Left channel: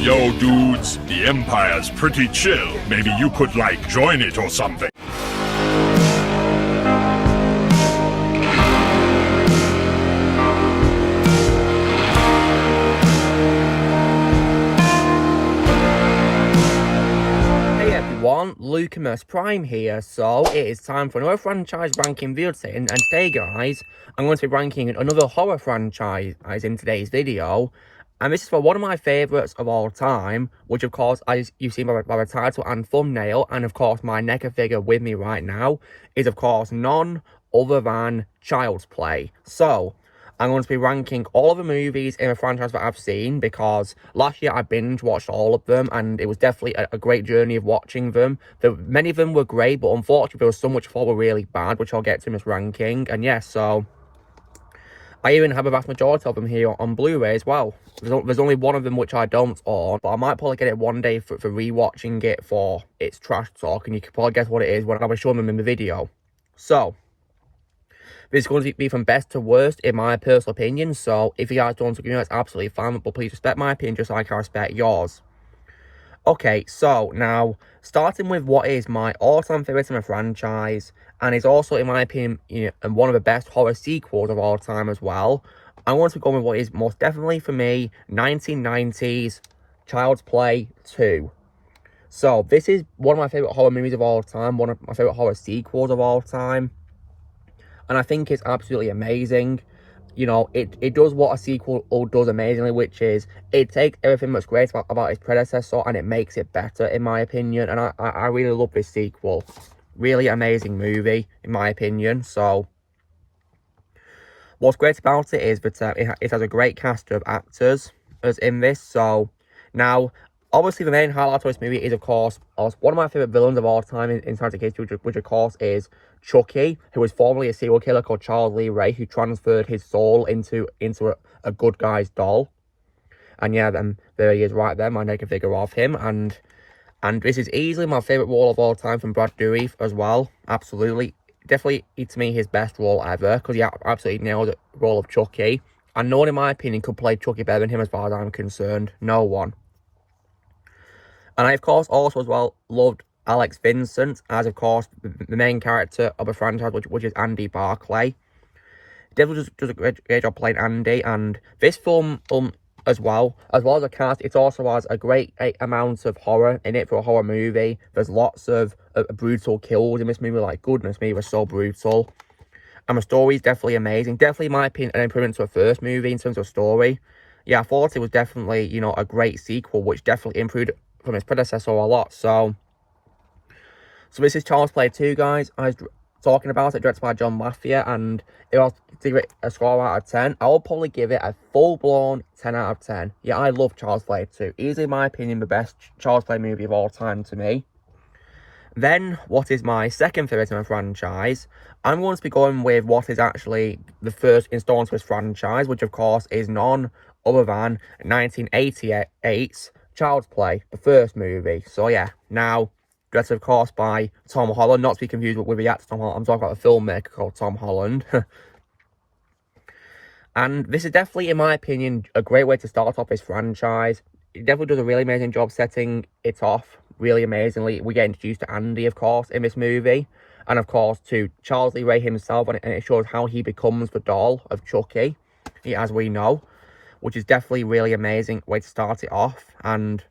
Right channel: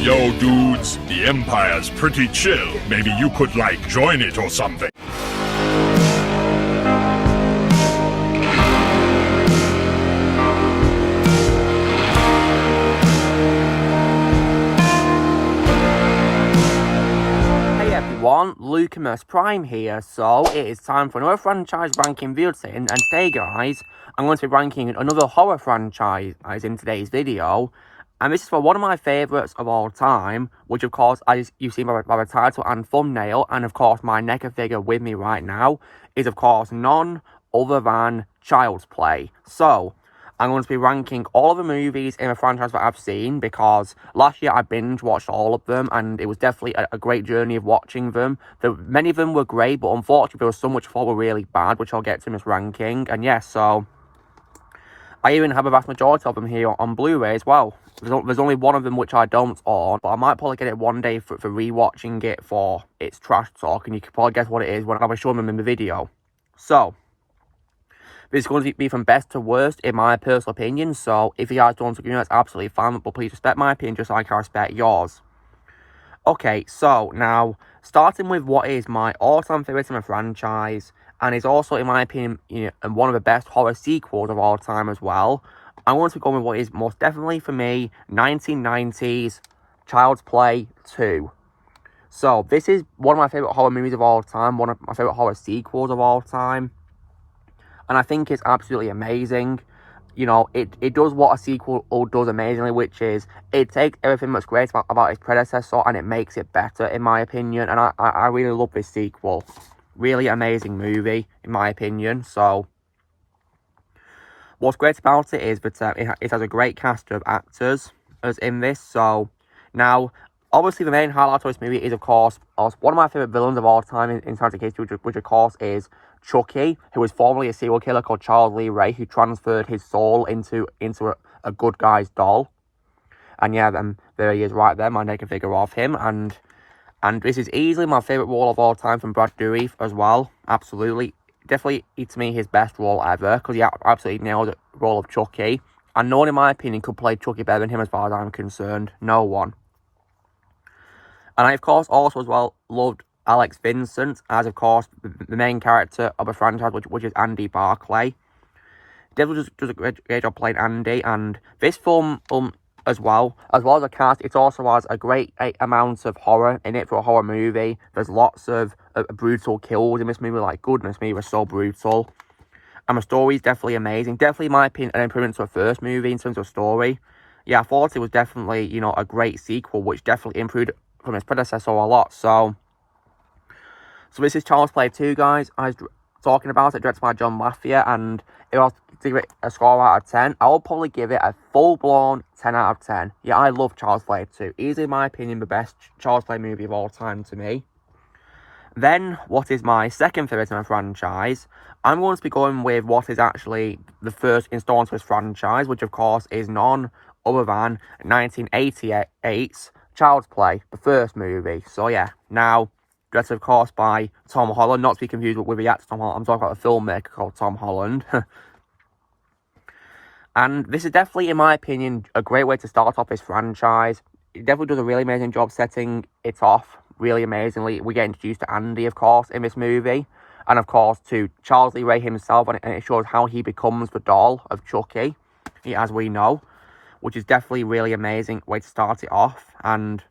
Yo, dudes, the Empire's pretty chill. Maybe you could, like, join it or something. Hey everyone, Lucamus Prime here. So, it is time for another franchise ranking video today. And today, guys, I'm going to be ranking another horror franchise in today's video. And this is for one of my favourites of all time, which of course, as you've seen by the title and thumbnail, and of course my NECA figure with me right now, is of course none other than Child's Play. So, I'm going to be ranking all of the movies in the franchise that I've seen, because last year I binge watched all of them, and it was definitely a great journey of watching them. Many of them were great, but unfortunately there was some which I thought were really bad, which I'll get to in this ranking. And yes, so I even have a vast majority of them here on Blu-ray as well. There's only one of them which I don't own, but I might probably get it one day for rewatching it for its trash talk, and you can probably guess what it is when I was showing them in the video. So, this is going to be from best to worst in my personal opinion, so if you guys don't agree, that's absolutely fine, but please respect my opinion just like I respect yours. Okay, so now, starting with what is my all-time favourite in the franchise, and is also, in my opinion, one of the best horror sequels of all time as well. I want to go with what is most definitely, for me, 1990s Child's Play 2. So, this is one of my favourite horror movies of all time, one of my favourite horror sequels of all time. And I think it's absolutely amazing. You know, it does what a sequel does amazingly, which is it takes everything that's great about its predecessor and it makes it better, in my opinion. And I really love this sequel. Really amazing movie, in my opinion. So, what's great about it is that it has a great cast of actors as in this. So, now, obviously the main highlight of this movie is, of course, one of my favourite villains of all time in science fiction, which of course is Chucky, who was formerly a serial killer called Charles Lee Ray, who transferred his soul into a good guy's doll. And yeah, there he is right there, my NECA figure of him. And this is easily my favourite role of all time from Brad Dourif as well. Absolutely. Definitely, to me, his best role ever, because he absolutely nailed the role of Chucky. And no one, in my opinion, could play Chucky better than him as far as I'm concerned. No one. And I, of course, also as well loved Alex Vincent as, of course, the main character of the franchise, which is Andy Barclay. Definitely does a great job playing Andy. And this film, as well as a cast, it also has a great amount of horror in it for a horror movie. There's lots of brutal kills in this movie. Like, goodness me, it was so brutal. And the story is definitely amazing. Definitely, in my opinion, an improvement to the first movie in terms of story. Yeah, I thought it was definitely, a great sequel, which definitely improved from its predecessor a lot. So this is Child's Play 2, guys. I was talking about it, directed by John Lafia, and if I was to give it a score out of 10, I will probably give it a full-blown 10 out of 10. Yeah, I love Child's Play 2. Easily, in my opinion, the best Child's Play movie of all time to me. Then, what is my second favourite in the franchise? I'm going to be going with what is actually the first installment to this franchise, which of course is none other than 1988's Child's Play, the first movie. So yeah, now, directed of course by Tom Holland, not to be confused with the actor Tom Holland. I'm talking about a filmmaker called Tom Holland. And this is definitely, in my opinion, a great way to start off this franchise. It definitely does a really amazing job setting it off really amazingly. We get introduced to Andy, of course, in this movie. And, of course, to Charles Lee Ray himself. And it shows how he becomes the doll of Chucky, as we know. Which is definitely a really amazing way to start it off. And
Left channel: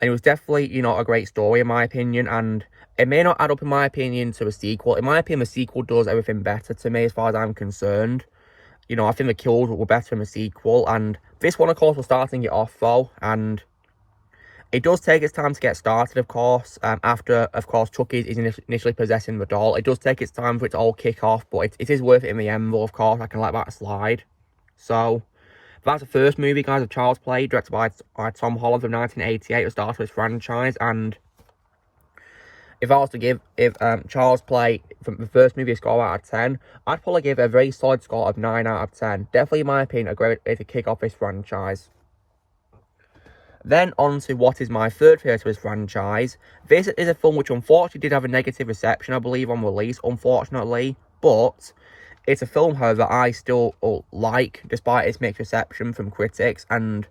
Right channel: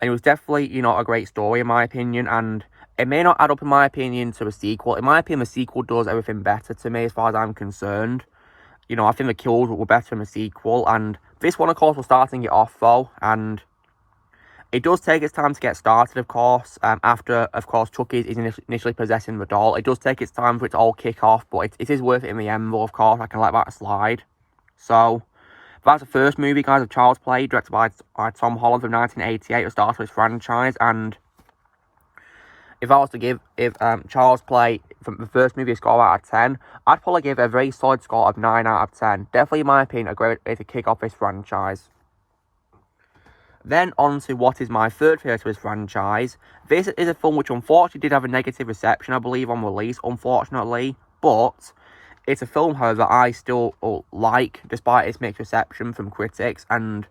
it was definitely, a great story, in my opinion. And it may not add up, in my opinion, to a sequel. In my opinion, the sequel does everything better to me, as far as I'm concerned. I think the kills were better in the sequel. And this one, of course, was starting it off, though. And it does take its time to get started, of course. After, of course, Chucky is initially possessing the doll. It does take its time for it to all kick off. But it is worth it in the end, though, of course. I can let that slide. So, that's the first movie, guys, of Child's Play, directed by Tom Holland from 1988, the start of this franchise. And if I was to give Child's Play from the first movie a score out of 10, I'd probably give it a very solid score of 9 out of 10. Definitely, in my opinion, a great way to kick off this franchise. Then on to what is my third favourite of this franchise. This is a film which unfortunately did have a negative reception, I believe, on release, unfortunately. But it's a film, however, I still like, despite its mixed reception from critics. And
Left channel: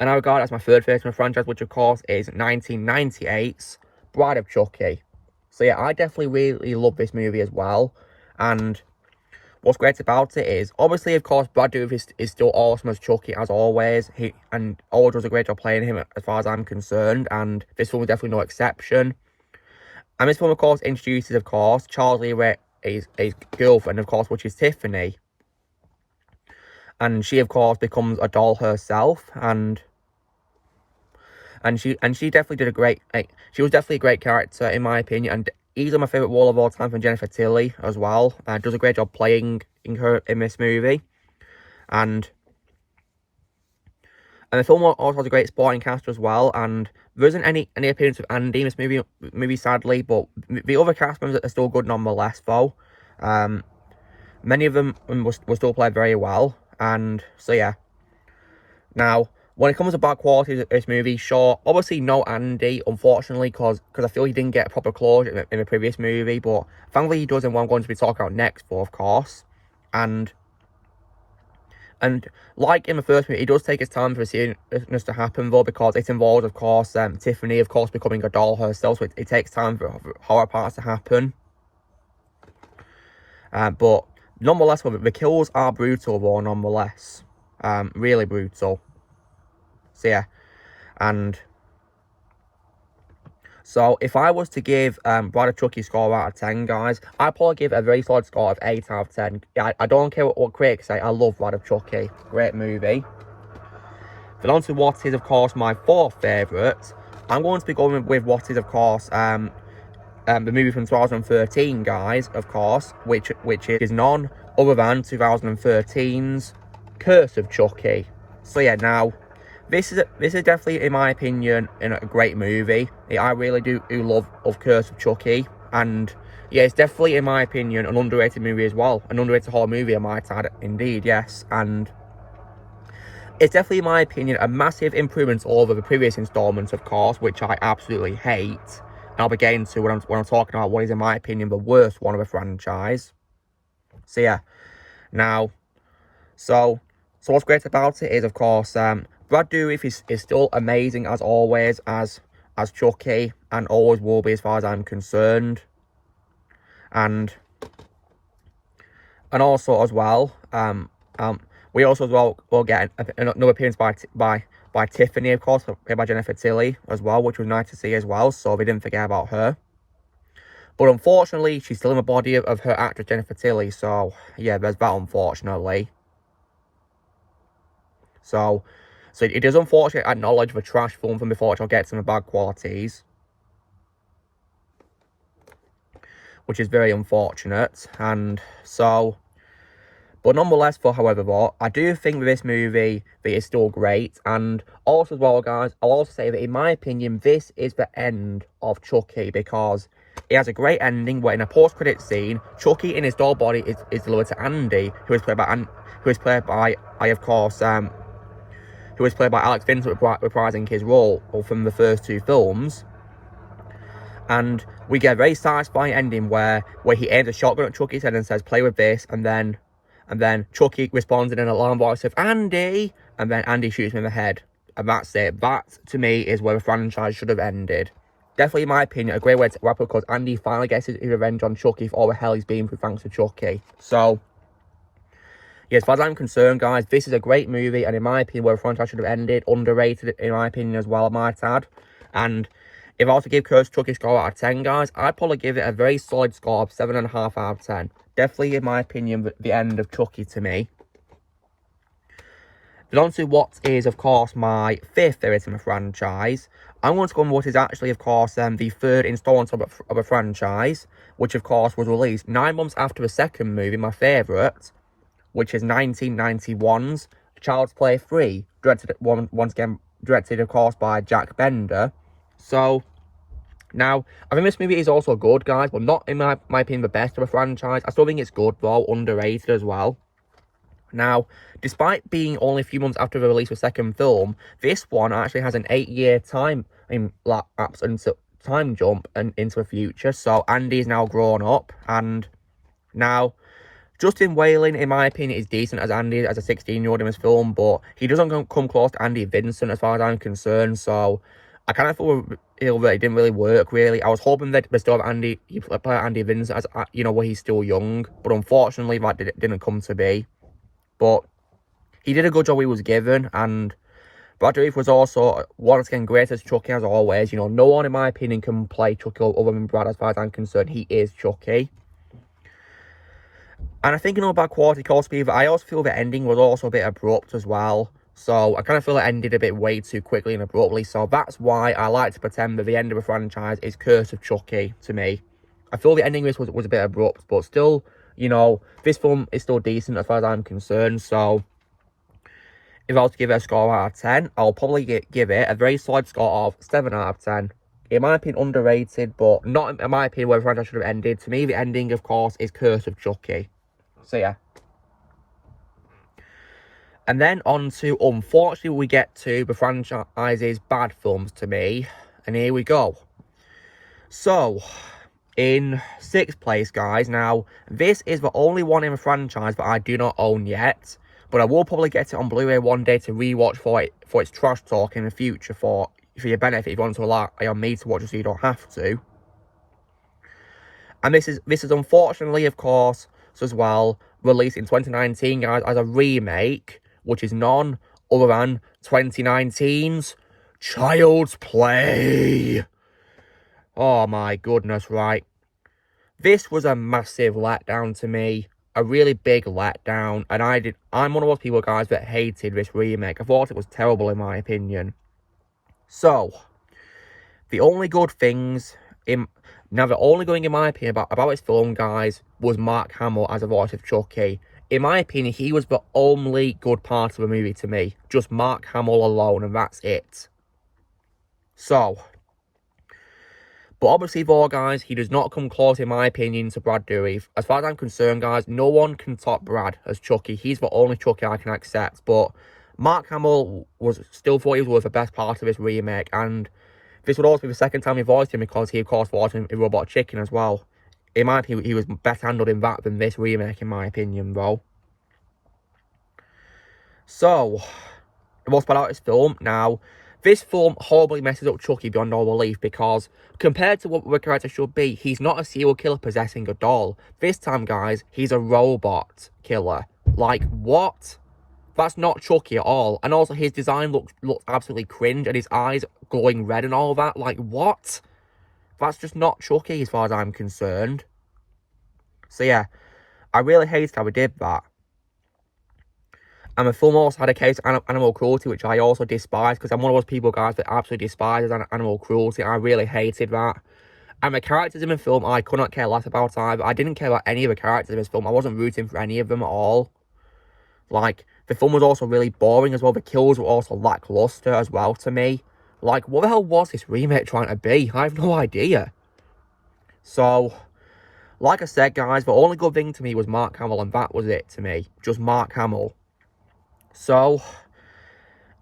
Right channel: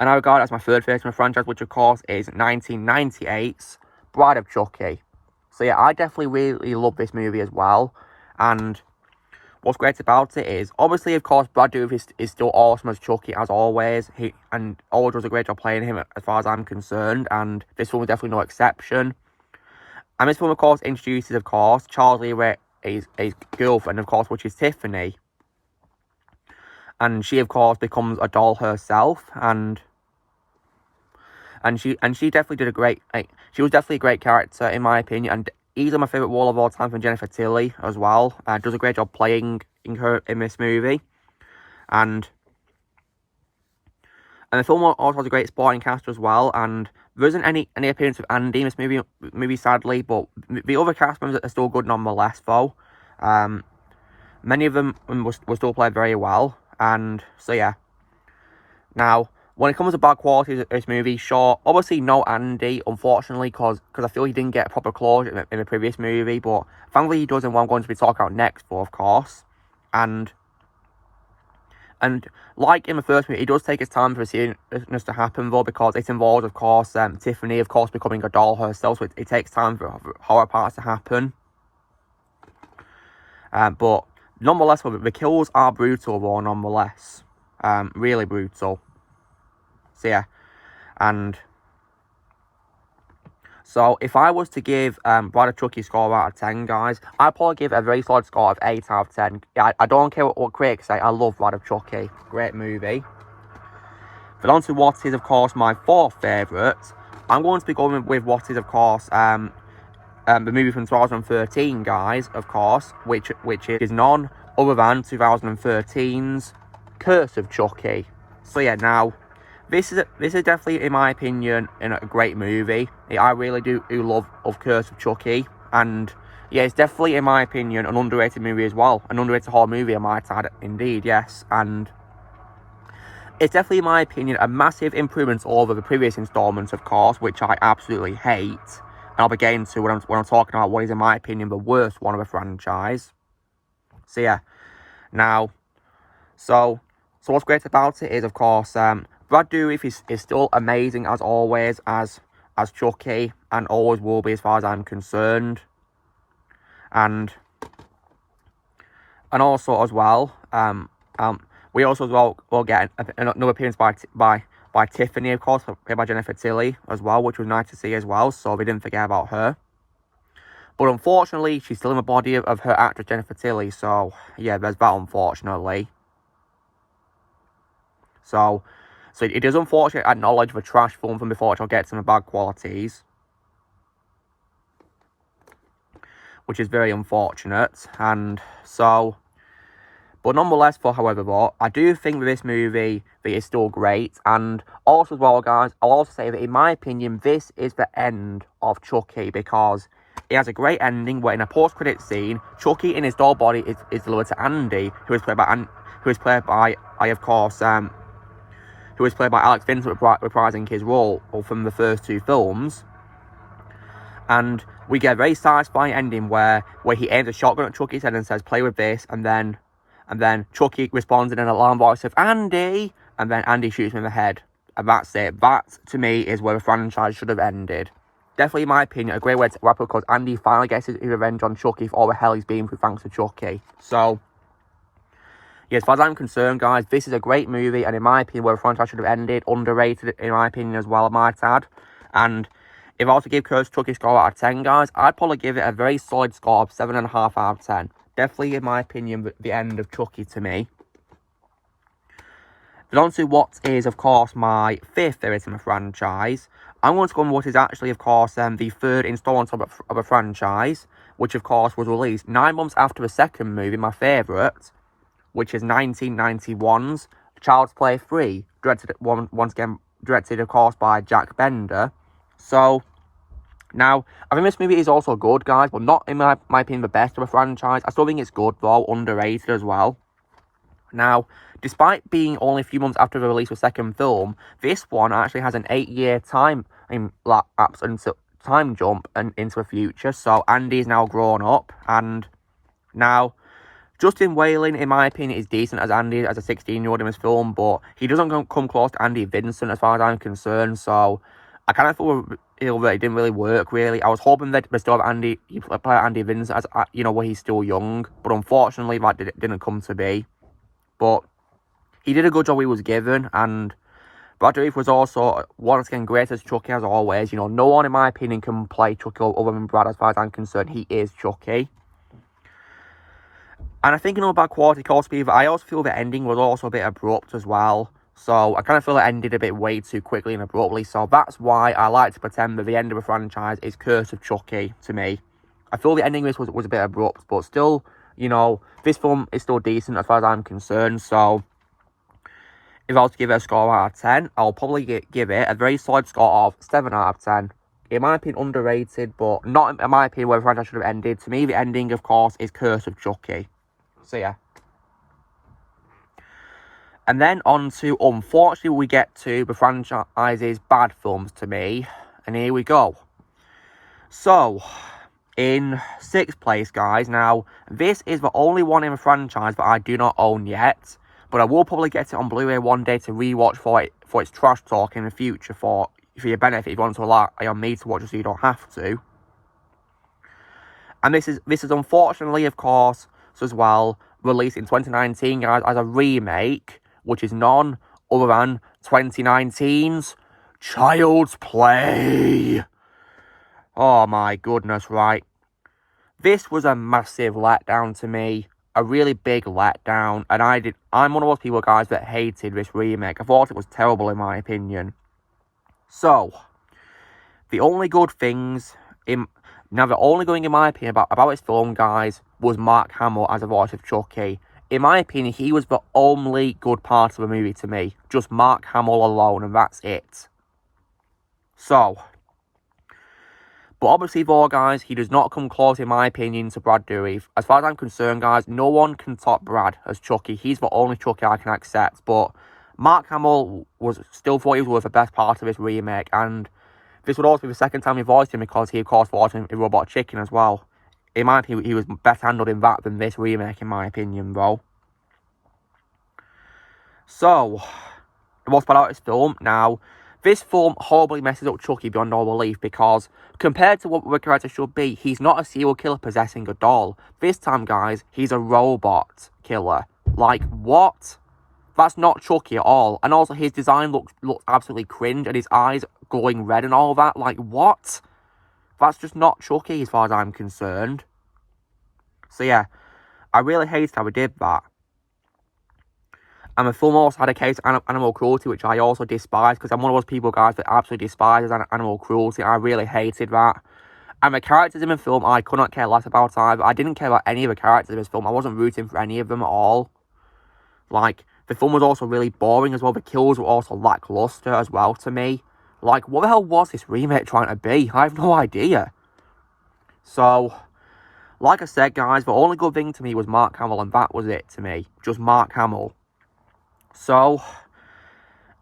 And I regard it as my third favourite in the franchise, which of course is 1998's Bride of Chucky. So yeah, I definitely really love this movie as well. And what's great about it is, obviously, of course, Brad Dourif is still awesome as Chucky, as always. He always does a great job playing him, as far as I'm concerned. And this film is definitely no exception. And this film, of course, introduces, of course, Charles Lee Ray, his girlfriend, of course, which is Tiffany. And she, of course, becomes a doll herself. And she definitely did a great, she was definitely a great character, in my opinion. And easily my favourite role of all time from Jennifer Tilly as well. Does a great job playing her in this movie. And the film also has a great supporting cast as well. And there isn't any appearance of Andy in this movie sadly. But the other cast members are still good nonetheless, though. Many of them will still play very well. And so, yeah. Now, when it comes to bad qualities of this movie, sure, obviously no Andy, unfortunately, because I feel he didn't get proper closure in the previous movie, but thankfully he does in what I'm going to be talking about next, for of course. And like in the first movie, it does take its time for the seriousness to happen, though, because it involves, of course, Tiffany, of course, becoming a doll herself, so it takes time for horror parts to happen. But nonetheless, the kills are brutal, though, nonetheless. Really brutal. So yeah, and so if I was to give Bride of Chucky a score out of 10, guys, I'd probably give a very solid score of 8 out of 10. I don't care what critics say, I love Bride of Chucky. Great movie. Then on to what is, of course, my fourth favourite. I'm going to be going with what is, of course, the movie from 2013, guys, of course, which is none other than 2013's Curse of Chucky. So yeah, now, this is definitely, in my opinion, a great movie. I really do love Curse of Chucky. And yeah, it's definitely, in my opinion, an underrated movie as well. An underrated horror movie, I might add, indeed, yes. And it's definitely, in my opinion, a massive improvement over the previous installments, of course, which I absolutely hate. And I'll be getting to when I'm talking about what is, in my opinion, the worst one of the franchise. So yeah, now, so what's great about it is, of course, Brad Dourif is still amazing as always as Chucky, and always will be as far as I'm concerned. And also as well, we also as well will get another appearance by Tiffany, of course, played by Jennifer Tilly as well, which was nice to see as well. So we didn't forget about her. But unfortunately, she's still in the body of her actress Jennifer Tilly. So yeah, there's that, unfortunately. So it is unfortunate to acknowledge the trash film from before, which I'll get to the bad qualities. Which is very unfortunate. And so, but nonetheless, however, though, I do think that this movie is still great. And also as well, guys, I'll also say that in my opinion, this is the end of Chucky, because it has a great ending where in a post-credit scene, Chucky in his doll body is delivered to Andy, who is played by Alex Vincent, reprising his role from the first two films. And we get a very satisfying ending where he aims a shotgun at Chucky's head and says, "Play with this," and then Chucky responds in an alarm voice of "Andy," and then Andy shoots him in the head. And that's it. That, to me, is where the franchise should have ended. Definitely, in my opinion, a great way to wrap up, because Andy finally gets his revenge on Chucky for all the hell he's been through thanks to Chucky. So, yeah, as far as I'm concerned, guys, this is a great movie, and in my opinion, where the franchise should have ended, underrated, in my opinion, as well, I might add. And if I was to give Curse of Chucky a score out of 10, guys, I'd probably give it a very solid score of 7.5 out of 10. Definitely, in my opinion, the end of Chucky to me. Then on to what is, of course, my fifth favourite in the franchise. I'm going to go on what is actually, of course, the third installment of a franchise, which, of course, was released 9 months after the second movie, my favourite, which is 1991's Child's Play 3, once again, directed, of course, by Jack Bender. So, now, I think this movie is also good, guys, but not, in my opinion, the best of a franchise. I still think it's good, though, underrated as well. Now, despite being only a few months after the release of the second film, this one actually has an 8-year time lapse into time jump and into the future. So Andy is now grown up, and now Justin Whalen, in my opinion, is decent as Andy, as a 16-year-old in this film, but he doesn't come close to Andy Vincent as far as I'm concerned, so I kind of feel that it didn't really work, really. I was hoping that they still have Andy Vincent as, you know, where he's still young, but unfortunately that didn't come to be. But he did a good job he was given, and Brad Dourif was also, once again, great as Chucky as always. You know, no one, in my opinion, can play Chucky other than Brad as far as I'm concerned. He is Chucky. And I think, you know, about Quality Cold Speed, I also feel the ending was also a bit abrupt as well. So I kind of feel it ended a bit way too quickly and abruptly. So that's why I like to pretend that the end of the franchise is Curse of Chucky to me. I feel the ending of this was a bit abrupt, but still, you know, this film is still decent as far as I'm concerned. So if I was to give it a score out of 10, I'll probably give it a very solid score of 7 out of 10. In my opinion, underrated, but not in my opinion where the franchise should have ended. To me, the ending, of course, is Curse of Chucky. So yeah. And then on to, unfortunately, we get to the franchise's bad films to me. And here we go. So, in 6th place, guys. Now, this is the only one in the franchise that I do not own yet. But I will probably get it on Blu-ray one day to rewatch for its trash talk in the future for your benefit if you want to rely on me to watch it so you don't have to. And this is unfortunately, of course, as well, released in 2019, guys, as a remake, which is none other than 2019's Child's Play. Oh my goodness, right. This was a massive letdown to me. A really big letdown. And I'm one of those people, guys, that hated this remake. I thought it was terrible in my opinion. So, the only good things now, the only good thing in my opinion about this film, guys, was Mark Hamill as a voice of Chucky. In my opinion, he was the only good part of the movie to me. Just Mark Hamill alone, and that's it. So, but obviously, though, guys, he does not come close, in my opinion, to Brad Dourif. As far as I'm concerned, guys, no one can top Brad as Chucky. He's the only Chucky I can accept. But Mark Hamill still thought he was the best part of this remake, and this would also be the second time he voiced him because he, of course, voiced him in Robot Chicken as well. In my opinion, he was better handled in that than this remake, in my opinion, though. So, what's about this film? Now, this film horribly messes up Chucky beyond all belief because compared to what the character should be, he's not a serial killer possessing a doll. This time, guys, he's a robot killer. Like, what? That's not Chucky at all. And also, his design looks absolutely cringe, and his eyes glowing red and all that. Like, what? That's just not Chucky as far as I'm concerned. So, yeah. I really hate how we did that. And the film also had a case of animal cruelty, which I also despise, because I'm one of those people, guys, that absolutely despises animal cruelty. I really hated that. And the characters in the film, I could not care less about either. I didn't care about any of the characters in this film. I wasn't rooting for any of them at all. Like, the film was also really boring as well. The kills were also lackluster as well to me. Like, what the hell was this remake trying to be? I have no idea. So, like I said, guys, the only good thing to me was Mark Hamill, and that was it to me. Just Mark Hamill. So,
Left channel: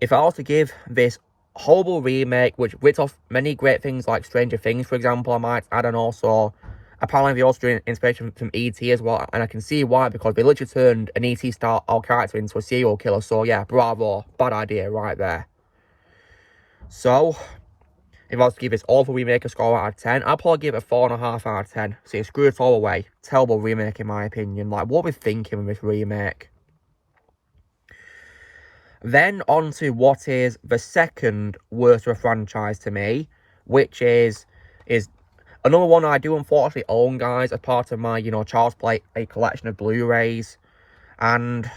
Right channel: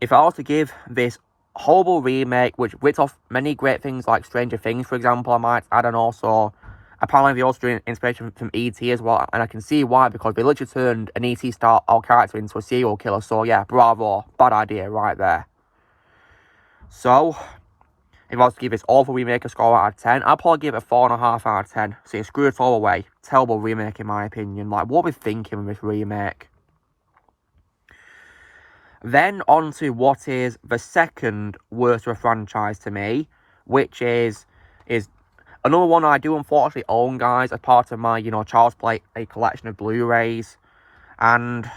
if I was to give this horrible remake, which rips off many great things like Stranger Things, for example, I might add, and also, apparently they also drew inspiration from E.T. as well, and I can see why, because they literally turned an E.T. style character into a serial killer, so yeah, bravo, bad idea right there. So, if I was to give this awful remake a score out of 10, I'd probably give it a 4.5 out of 10. So, screw it all away. Terrible remake in my opinion. Like, what are we thinking with this remake? Then on to what is the second worst of a franchise to me, which is another one I do unfortunately own, guys, as part of my, Child's Play, a collection of Blu-rays. And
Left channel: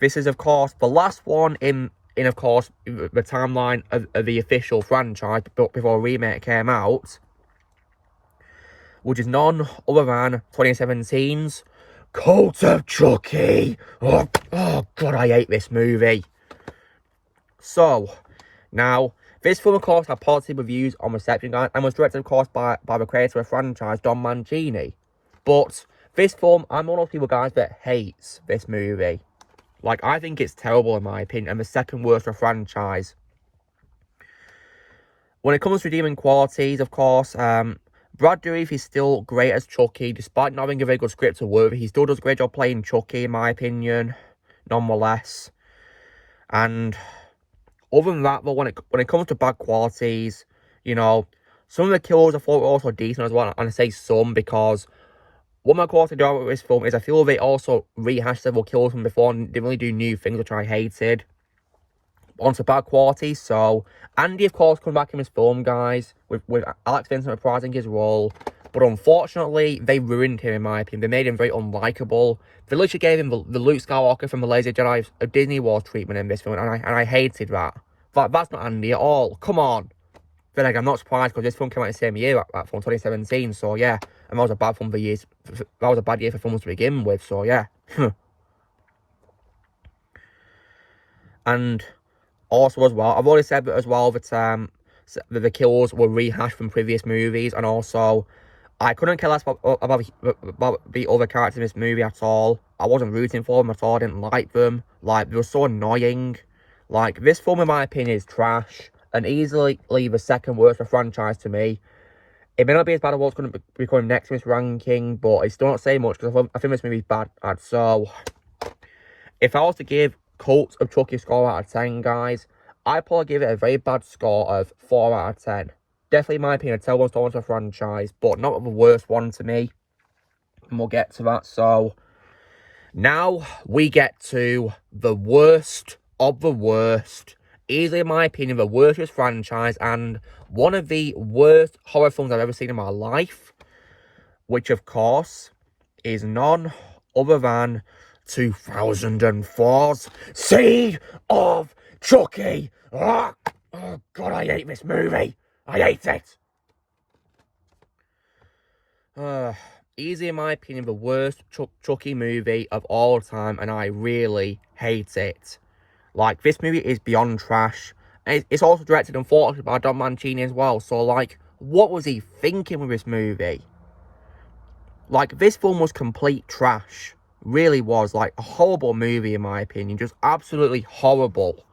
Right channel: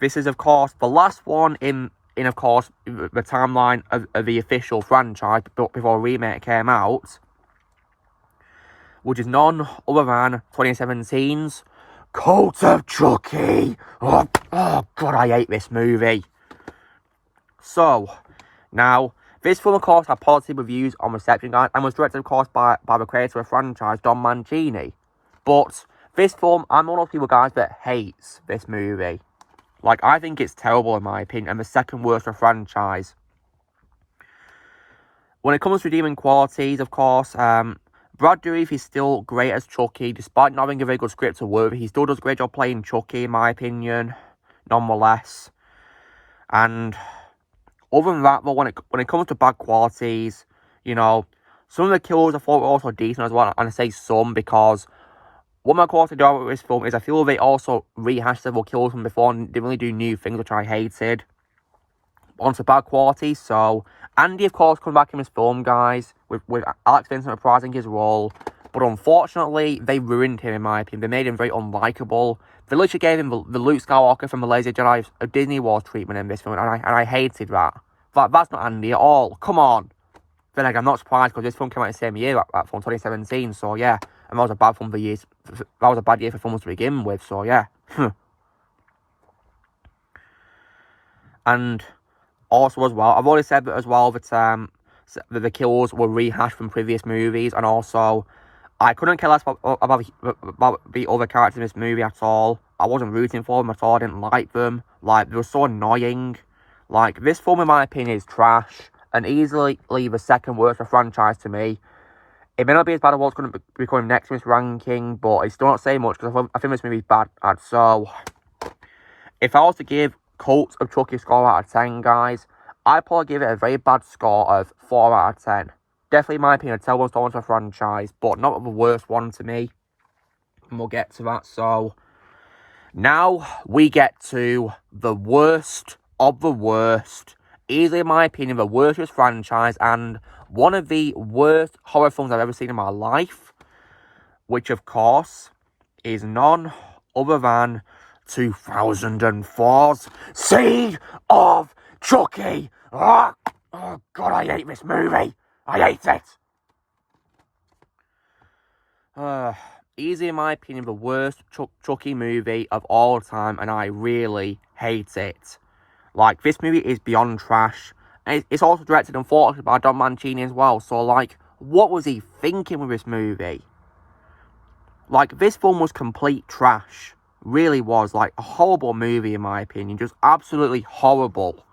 this is, of course, the last one in of course, the timeline of the official franchise before a remake came out, which is none other than 2017's Cult of Chucky. Oh, God, I hate this movie. So, now, this film, of course, had positive reviews on reception, guys, and was directed, of course, by the creator of the franchise, Don Mancini. But this film, I'm one of those people, guys, that hates this movie. Like, I think it's terrible, in my opinion, and the second worst of a franchise. When it comes to redeeming qualities, of course, Brad Dourif is still great as Chucky, despite not having a very good script to work with. He still does a great job playing Chucky, in my opinion, nonetheless. And other than that, though, when it comes to bad qualities, you know, some of the kills I thought were also decent as well. And I say some because what my quality do with this film is I feel they also rehashed several kills from before and didn't really do new things, which I hated. Onto bad quality, so Andy, of course, comes back in this film, guys, with Alex Vincent reprising his role. But unfortunately, they ruined him, in my opinion. They made him very unlikable. They literally gave him the Luke Skywalker from the Lazy Jedi of Disney Wars treatment in this film, and I hated that. That's not Andy at all. Come on. Then again, I'm not surprised because this film came out the same year, that film, 2017. So yeah, and that was a bad film for years. That was a bad year for films to begin with. So yeah, and also as well, I've already said that as well that the kills were rehashed from previous movies, and also I couldn't care less about the other characters in this movie at all. I wasn't rooting for them at all. I didn't like them. Like, they were so annoying. Like, this film, in my opinion, is trash and easily the second worst of the franchise to me. It may not be as bad as what's going to be coming next in this ranking, but it's still not saying much because I think this movie is bad. So, if I was to give Cult of Chucky score out of 10, guys, I'd probably give it a very bad score of 4 out of 10. Definitely, in my opinion, a terrible installment to the franchise, but not the worst one to me. And we'll get to that. So, now we get to the worst of the worst. Easily, in my opinion, the worst franchise and one of the worst horror films I've ever seen in my life. Which, of course, is none other than 2004's Seed of Chucky. Oh, God, I hate this movie. I hate it. Easy, in my opinion, the worst Chucky movie of all time, and I really hate it. Like, this movie is beyond trash. And it's also directed, unfortunately, by Don Mancini as well. So, like, what was he thinking with this movie? Like, this film was complete trash. Really was. Like, a horrible movie, in my opinion. Just absolutely horrible.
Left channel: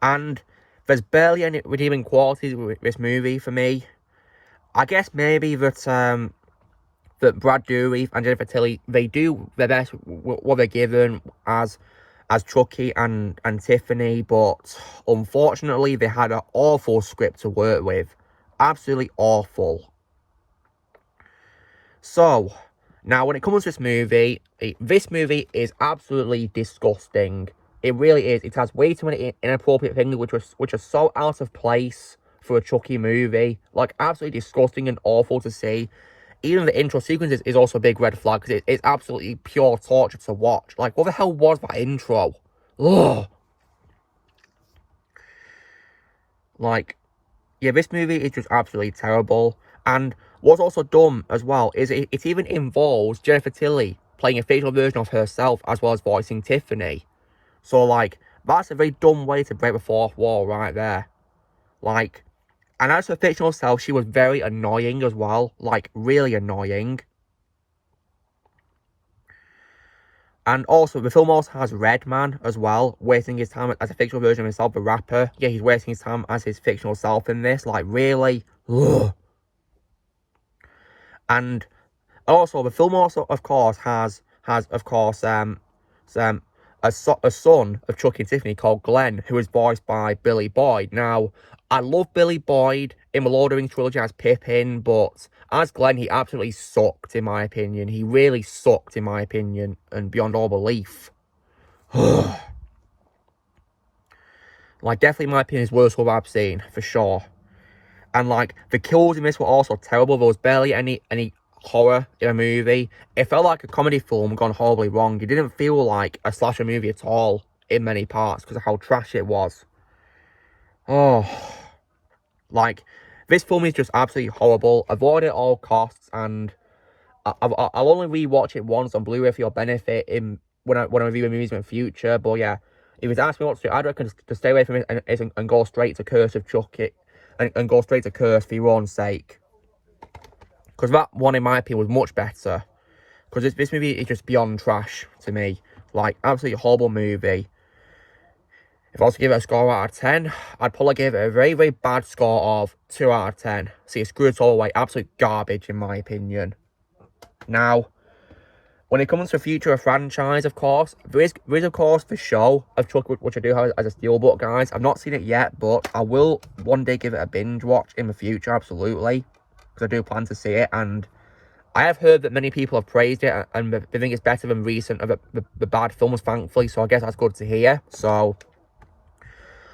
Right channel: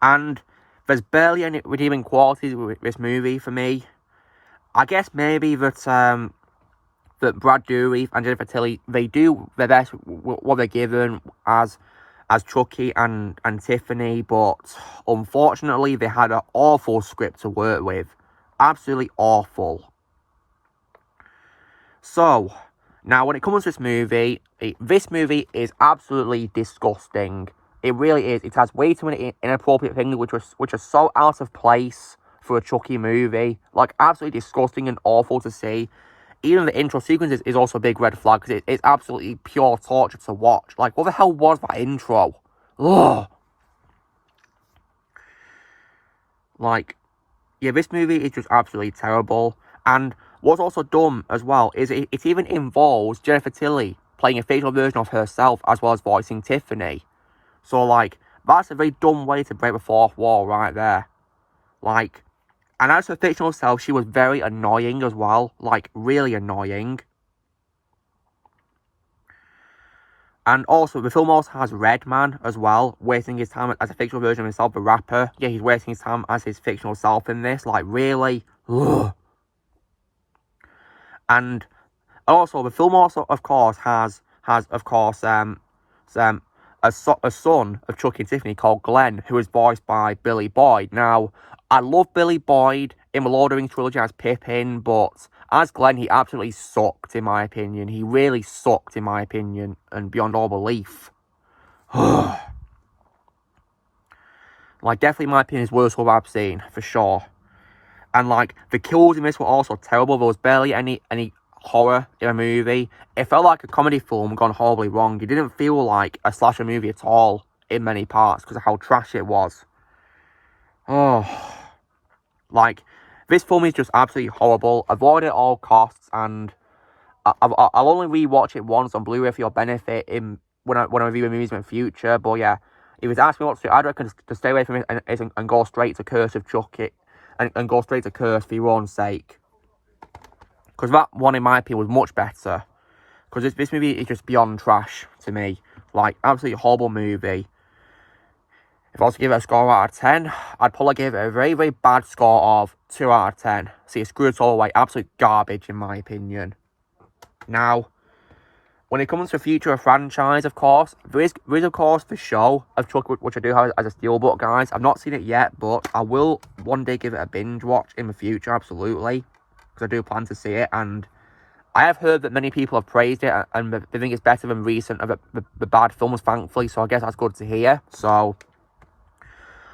And there's barely any redeeming qualities with this movie for me. I guess maybe that that Brad Dourif and Jennifer Tilly, they do their best what they're given as Chucky and Tiffany, but unfortunately they had an awful script to work with. Absolutely awful. So, now when it comes to this movie is absolutely disgusting. It really is. It has way too many inappropriate things which are so out of place for a Chucky movie. Like, absolutely disgusting and awful to see. Even the intro sequence is also a big red flag because it's absolutely pure torture to watch. Like, what the hell was that intro? Ugh. Like, yeah, this movie is just absolutely terrible. And what's also dumb as well is it even involves Jennifer Tilly playing a fictional version of herself as well as voicing Tiffany. So, like, that's a very dumb way to break the fourth wall right there. Like, and as her fictional self, she was very annoying as well. Like, really annoying. And also, the film also has Redman as well, wasting his time as a fictional version of himself, the rapper. Yeah, he's wasting his time as his fictional self in this. Like, really? Ugh. And also, the film also, of course, has of course, a son of Chucky and Tiffany called Glenn, who is voiced by Billy Boyd. Now, I love Billy Boyd in the Lord of the Rings trilogy as Pippin, but as Glenn, he absolutely sucked, in my opinion. He really sucked, in my opinion, and beyond all belief. Like, definitely, in my opinion, is worst horror I've seen, for sure. And, like, the kills in this were also terrible. There was barely any horror in a movie. It felt like a comedy film gone horribly wrong. It didn't feel like a slasher movie at all in many parts because of how trash it was. Oh, like, this film is just absolutely horrible. Avoid it at all costs, and I'll only rewatch it once on Blu-ray for your benefit when I review movies in the future. But yeah, if it's asking me what to do, I'd reckon to stay away from it and go straight to Curse of Chucky and go straight to Curse for your own sake. Because that one, in my opinion, was much better. Because this movie is just beyond trash to me. Like, absolutely horrible movie. If I was to give it a score out of 10, I'd probably give it a very, very bad score of 2 out of 10. See, it's screwed all the way. Absolute garbage, in my opinion. Now, when it comes to the future of franchise, of course, there is of course, the show of Chucky, which I do have as a steelbook, guys. I've not seen it yet, but I will one day give it a binge watch in the future, absolutely. Because I do plan to see it, and I have heard that many people have praised it, and they think it's better than recent of the bad films, thankfully, so I guess that's good to hear. So,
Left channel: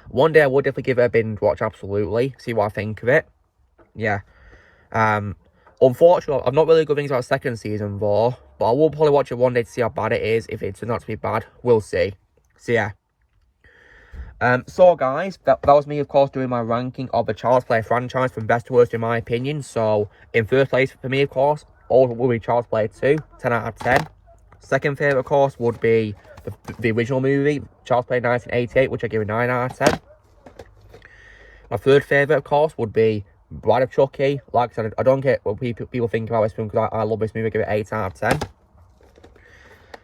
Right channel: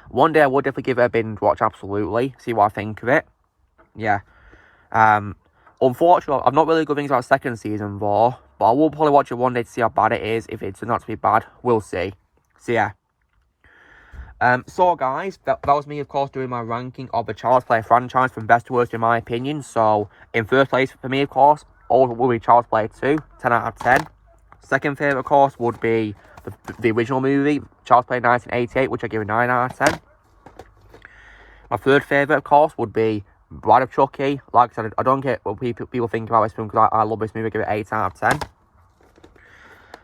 one day I will definitely give it a binge watch, absolutely. See what I think of it. Yeah. Unfortunately, I've not really good things about second season though, but I will probably watch it one day to see how bad it is. If it turns out to be bad, we'll see. So yeah. So guys, that was me, of course, doing my ranking of the Child's Play franchise from best to worst in my opinion. So in first place for me, of course, all will be Child's Play 2, 10 out of 10. Second favourite, of course, would be the original movie, Child's Play 1988, which I give a 9 out of 10. My third favourite, of course, would be Bride of Chucky. Like I said, I don't get what people think about this film because I love this movie. I give it 8 out of 10.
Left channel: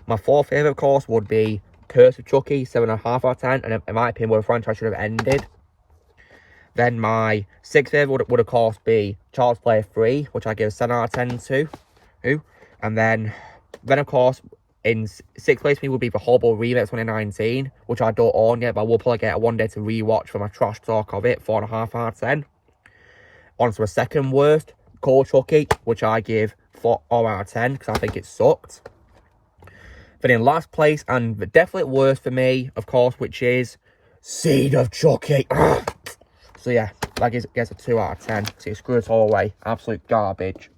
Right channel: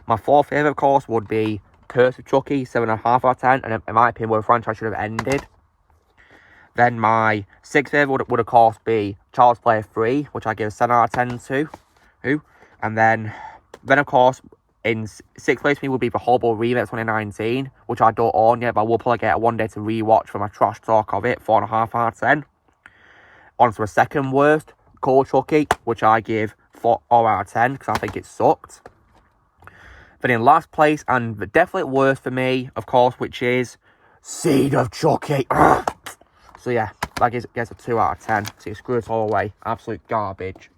My fourth favourite, of course, would be Curse of Chucky, 7.5 out of 10. And in my opinion, where the franchise should have ended. Then my sixth favourite would of course be Child's Play 3, which I give 7 out of 10 to. And then of course, in sixth place for me would be the Horrible Remake 2019, which I don't own yet, but I will probably get it one day to rewatch for my trash talk of it, 4.5 out of 10. On to the second worst, Cold Chucky, which I give 4 out of 10 because I think it sucked. Then in last place, and the definitely worst for me, of course, which is Seed of Chucky. So yeah, that gets a 2 out of 10. So you screw it all away. Absolute garbage.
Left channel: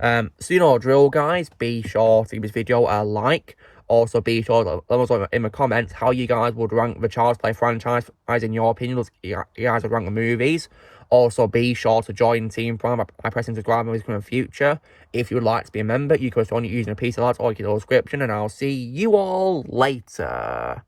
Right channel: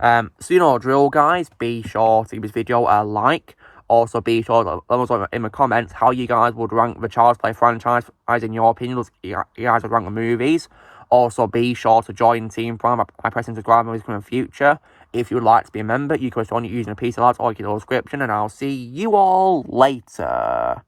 So you know the drill, guys. Be sure to give this video a like. Also, be sure to let us know in the comments how you guys would rank the Child's Play franchise, as in your opinion, you guys would rank the movies. Also, be sure to join Team Prime by pressing subscribe in the future. If you would like to be a member, you can join using a piece of that or you can description, and I'll see you all later.